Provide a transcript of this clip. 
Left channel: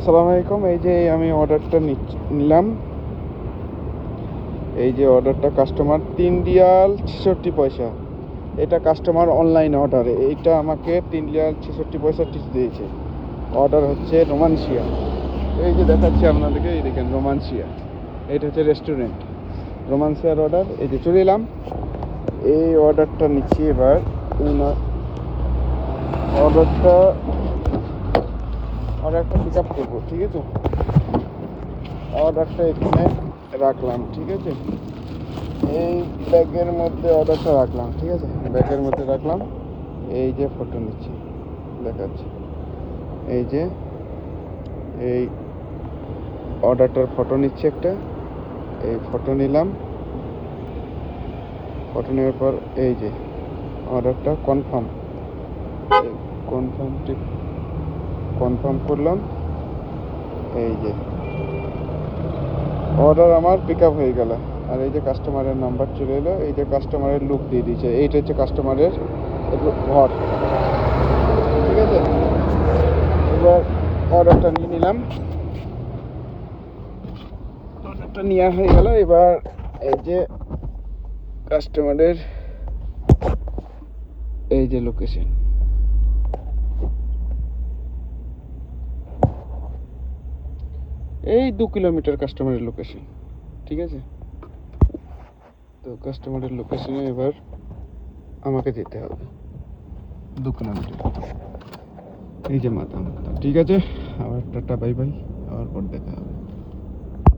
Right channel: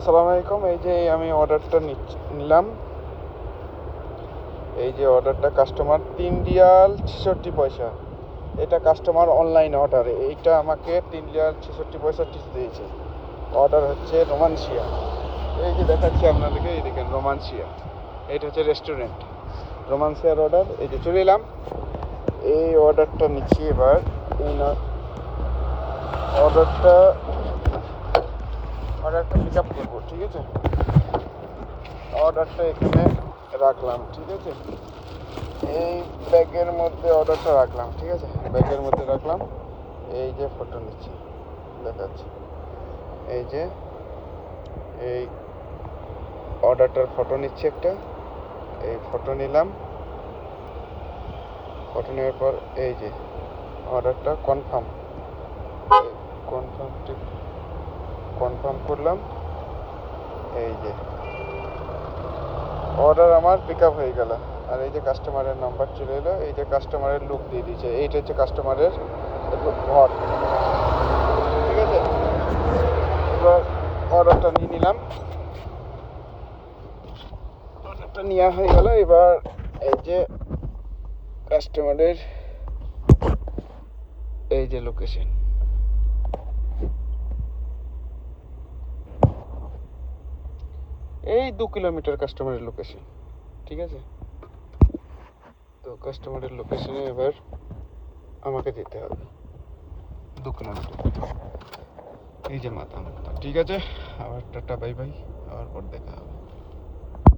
আসসালামু আলাইকুম। এই যে আমি অর্ডারটা নিলাম। এই যে অর্ডারটা কাস্টমার 3 রিয়াল 66 পয়সা। এটা কাস্টমার অনলাইন অর্ডার। এইটা আমাকে 3 রিয়াল 66 পয়সা দিয়েছে। অর্ডার হচ্ছে রোমানসিয়া। এই যে দেখাচ্ছি আপনাদেরকে, এই দেখেন রোমানসিয়া। এটা হচ্ছে রেস্টুরেন্ট রোমানসিয়ার অর্ডার। এই যে চলে এলাম। এই অর্ডারটা নিচ্ছি এবার। অর্ডারটা পিক আপ করবো, ঠিক আছে। অর্ডারটা এখানে রাখলাম, ঠিক আছে। এই ব্যাগের মধ্যে অর্ডারটা রাখলাম, ঠিক আছে। ব্যাগের মধ্যে রাখলাম। এই যে ফটো নিচ্ছি, দেখাচ্ছি। এই যে এই অর্ডারটার ফটো নিচ্ছি একটা। এই ফটো নিলাম। ফটো নেওয়ার পর এই যে অর্ডারটা কনফার্ম করলাম। এই যে অর্ডার আমার পিক আপ হয়ে গেল। আর এই যে কাস্টমারের নাম্বার চলে এলো। এই যে কাস্টমারের লুক দিয়ে দিয়েছে। এইটা হচ্ছে কাস্টমারের ঘর, ঠিক আছে। এবার অর্ডারটা নিয়ে নিলাম। অর্ডারটা নেওয়া হয়ে গেল। এবার এই যে কাস্টমারের এই যে লোকেশন, এই 2 কিলোমিটার কাস্টমারের লোকেশন, ঠিক আছে। তো কাস্টমারের লোকেশনে এবার আমাকে যেতে হবে 2 কিলোমিটার। এই যে মাথা, ঠিক আছে। আবার টাটা, বাই বাই। আবার পর দেখা হবে।